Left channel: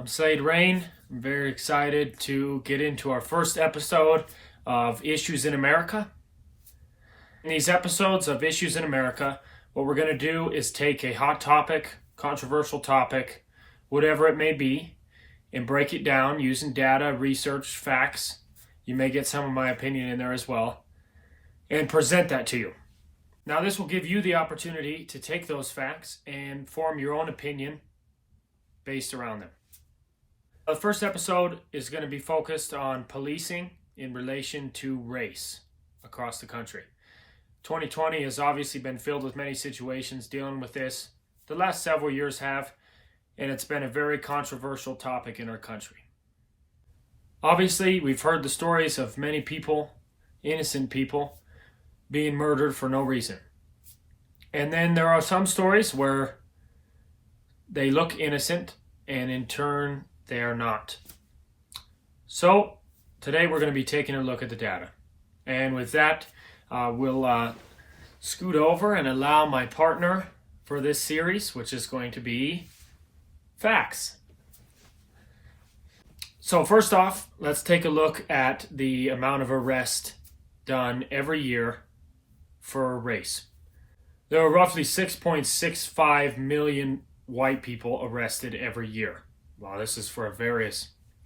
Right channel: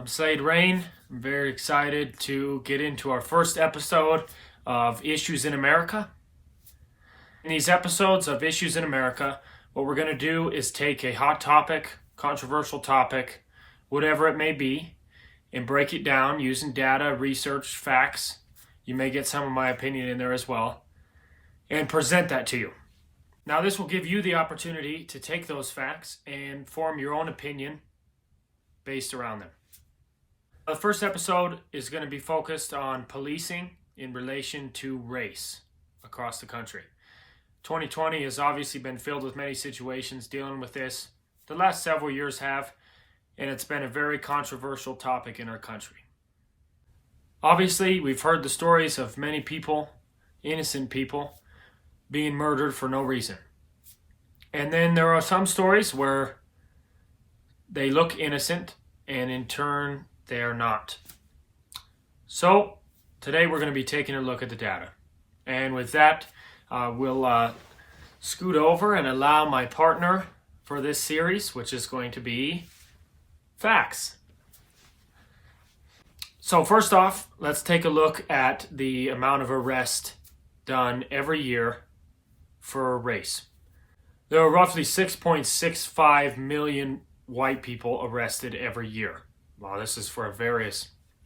I'm Slade Rain. I'm very excited to get into our first episode of Issues in America. In these episodes of Issues in America, what we're going to do is take a hot topic, controversial topic, whatever it may be, and break it down using data, research, facts. You may get some of my opinion in there as well, and present that to you. Now, this will give you the opportunity to take those facts and form your own opinion based around them. The first episode is going to be focused on policing in relation to race across the country. 2020 has obviously been filled with many situations dealing with this. The last several years have, and it's been a very controversial topic in our country. Obviously, we've heard the stories of many people, innocent people, being murdered for no reason. And then there are some stories where they look innocent, and in turn, they are not. So, today we're going to be taking a look at the data. And with that, we'll scoot over and allow my partner for this series, which is going to be facts. So first off, let's take a look at the amount of arrests done every year for race. There are roughly 6.65 million white people arrested every year. Well, this is for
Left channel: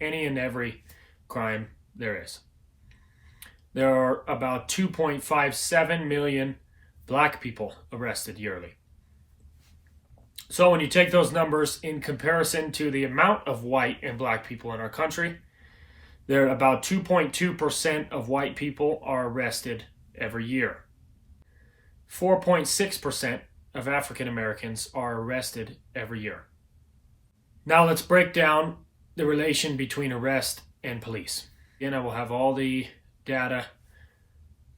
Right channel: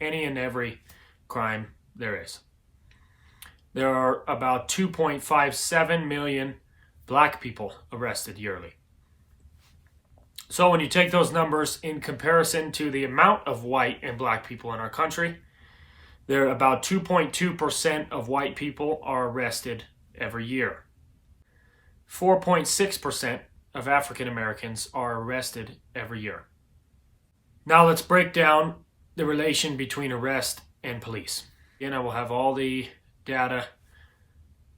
any and every crime there is. There are about 2.57 million black people arrested yearly. So when you take those numbers in comparison to the amount of white and black people in our country, there are about 2.2% of white people are arrested every year. 4.6% of African Americans are arrested every year. Now let's break down the relation between arrest and police. Again, I will have all the data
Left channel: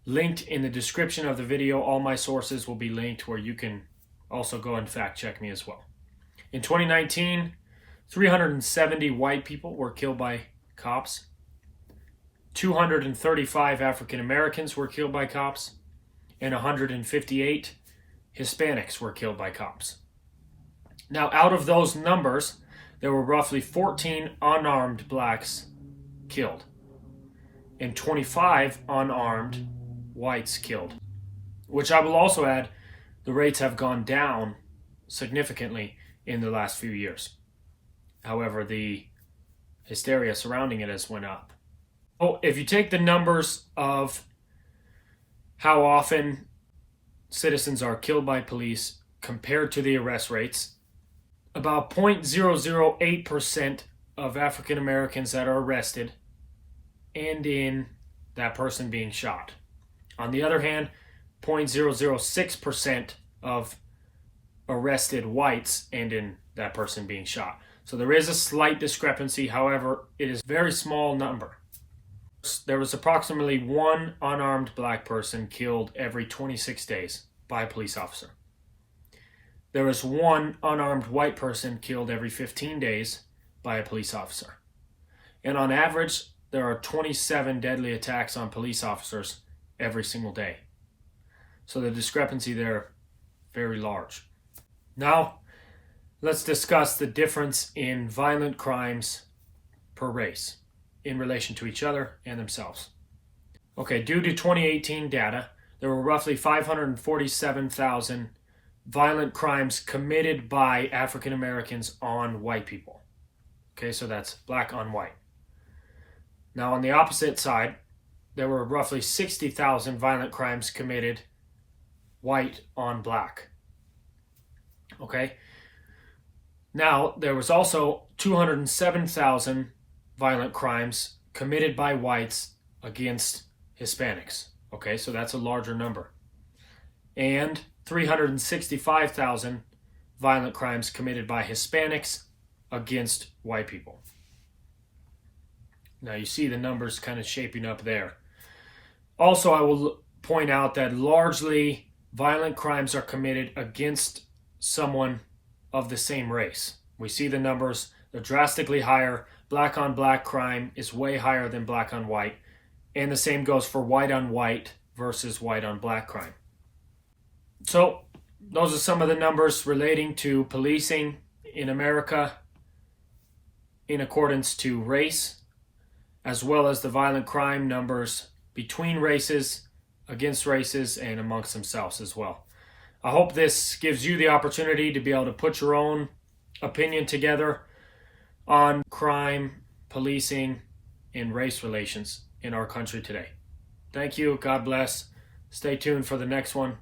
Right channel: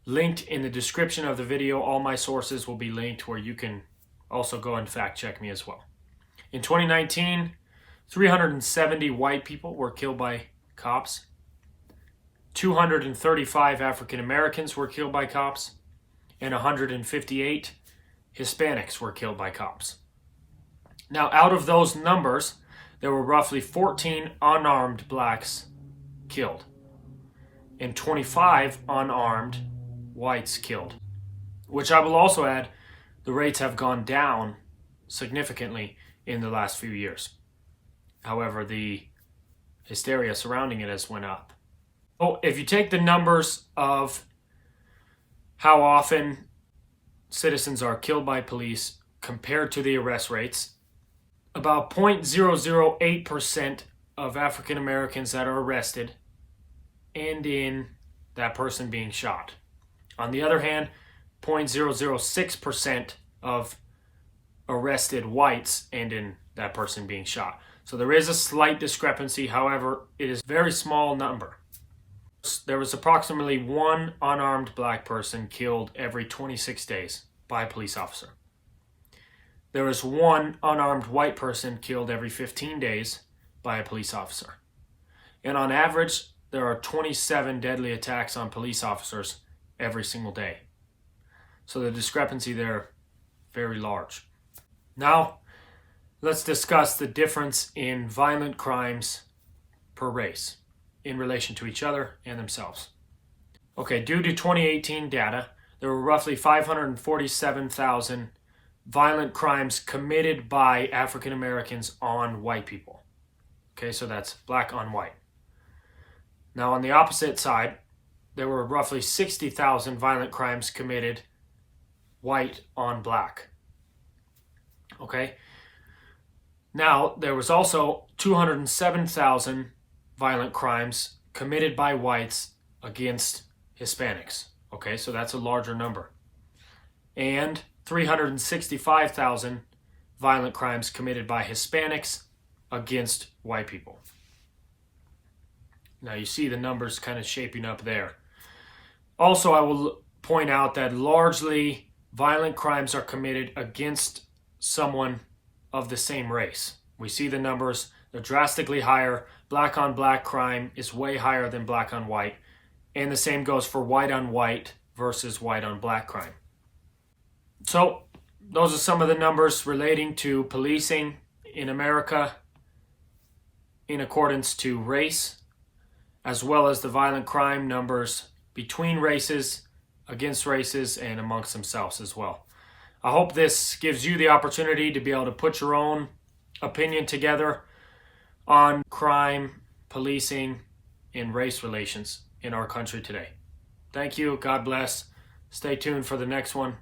linked in the description of the video. All my sources will be linked where you can also go and fact check me as well. In 2019, 370 white people were killed by cops. 235 African Americans were killed by cops, and 158 Hispanics were killed by cops. Now, out of those numbers, there were roughly 14 unarmed blacks killed and 25 unarmed whites killed, which I will also add, the rates have gone down significantly in the last few years. However, the hysteria surrounding it has went up. Oh, if you take the numbers of how often citizens are killed by police compared to the arrest rates, about 0.008% of African Americans that are arrested end in that person being shot. On the other hand, 0.006% of arrested whites end in that person being shot. So there is a slight discrepancy. However, it is a very small number. There was approximately one unarmed black person killed every 26 days by a police officer. There was one unarmed white person killed every 15 days by a police officer. And on average, there are 27 deadly attacks on police officers every single day. So the discrepancy there, very large. Now, let's discuss the difference in violent crimes per race in relation to each other and themselves. Okay, due to 2018 data, there were roughly 547,000 violent crimes committed by African Americans on white people. Okay, so that's black on white. Now on the opposite side, there were roughly 60,000 violent crimes committed white on black. Okay. Now there was also 207,000 violent crimes committed by whites against Hispanics. Okay, so that's a larger number. And 365,000 violent crimes committed by Hispanics against white people. Now you see the numbers kind of shaping up there. Also, I will point out that largely violent crimes are committed against someone of the same race. We see the numbers, they're drastically higher. Black on black crime is way higher than black on white. And the same goes for white on white versus white on black crime. So those are some of the numbers relating to policing in America. in accordance to race, as well as the violent crime numbers between races, against races, and amongst themselves as well. I hope this gives you the opportunity to be able to put your own opinion together on crime, policing, and race relations in our country today. Thank you. God bless. Stay tuned for the next one.